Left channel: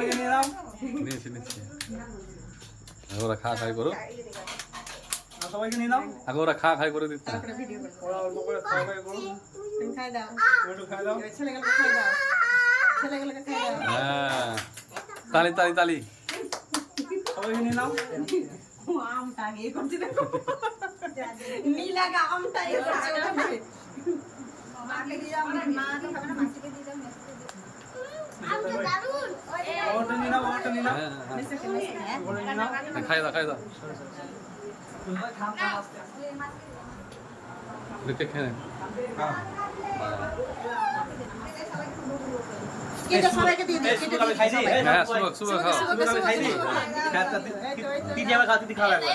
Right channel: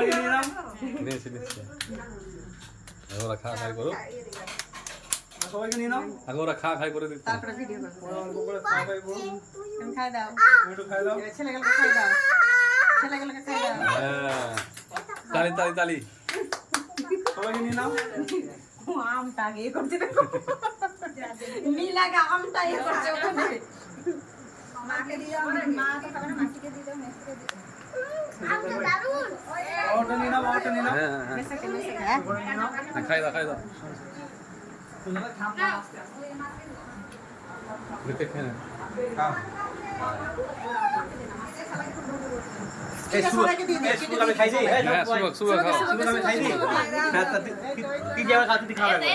সবাইকে নিয়ে নাও। নিয়েছি আগে ওরা খা খাই করো, সবাইকে নিয়ে নাও। আগে ওরা খা খাই করে দিচ্ছে। তারপরে ভিডিও করো। ওরা অল্প করে খাওয়া খাই করো। তুমি খাই দাও, তুমি একটু খাই দাও। ছেলেগুলোকে খাই দাও, ছেলেগুলোকে খাই দাও। হ্যাঁ, তালি তালি তালি। সবাইকে নিয়ে নাও। আমটা আগে ইয়ে করছে দেখো, নীলাকে আমটা ইয়ে করছে ওখানে। মাকে দিয়ে দাও, মা তো খাবে না, মাসিকে দিয়ে দাও, মেসিকে দিয়ে দাও। আমটা দারুণ। বাবাটা নিয়ে নাও, বাবাটা নিয়ে নাও। হ্যাঁ হ্যাঁ মেসেকে মেসেকে হ্যাঁ করে নিয়ে নাও। হ্যাঁ, খাই দাও খাই দাও, দেখে খেয়ে নেন। হ্যাঁ। এটা সবাইকে দিয়ে দিই, শুভ আমি খাই দিই। হ্যাঁ সুবক সুবক খাও। শুভ আমি খাই দিই। দিদি আবার খাওয়াতে খাওয়াবে।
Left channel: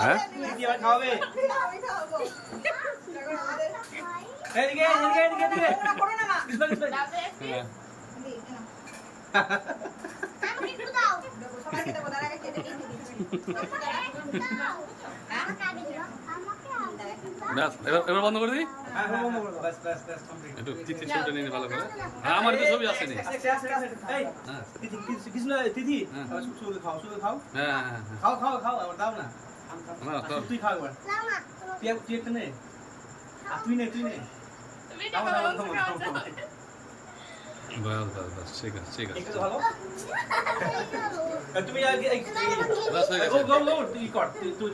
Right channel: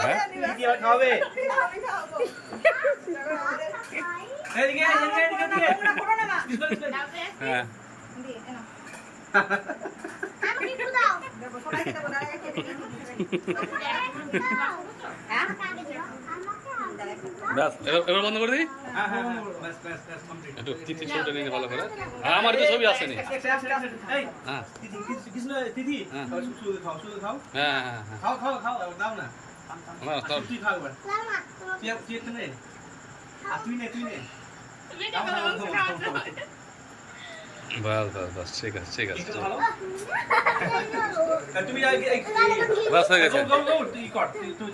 হ্যাঁ দিদি আবার খাওয়াবে। এদিকে এদিকে এদিকে এদিকে। হ্যাঁ আমি একটু দাও। দেখো সবাইকে দেবো, তার আগে খেতে দিয়ে দিই। হ্যাঁ? আমাকে দিও। ব্যাস এবার বন্ধ করে দিই। হ্যাঁ হ্যাঁ বাস বাস বাস কমপ্লিট। একটু তিথি ছবিটা নিয়ে নে ভালো করে। হ্যাঁ আমার তো ছবি আসেনি। এই হ্যাঁ দিদি কৃষ্ণ দিদি হ্যাঁ। শুধু খাও শুধু খাও। হ্যাঁ হ্যাঁ হ্যাঁ খাও খাও খাও আবার দাও না। না, তোর- তুই খাও এবার। লামা, তোমাকে তুই একটা নে। আর তুই নে তুই নে। দাও, দাও, দাও, দাও, দাও। বাস বাস বাস ঠিক আছে ঠিক আছে একটু ভালো। দাও। তুমি বাস হয়ে গেছে। তুই কর তুই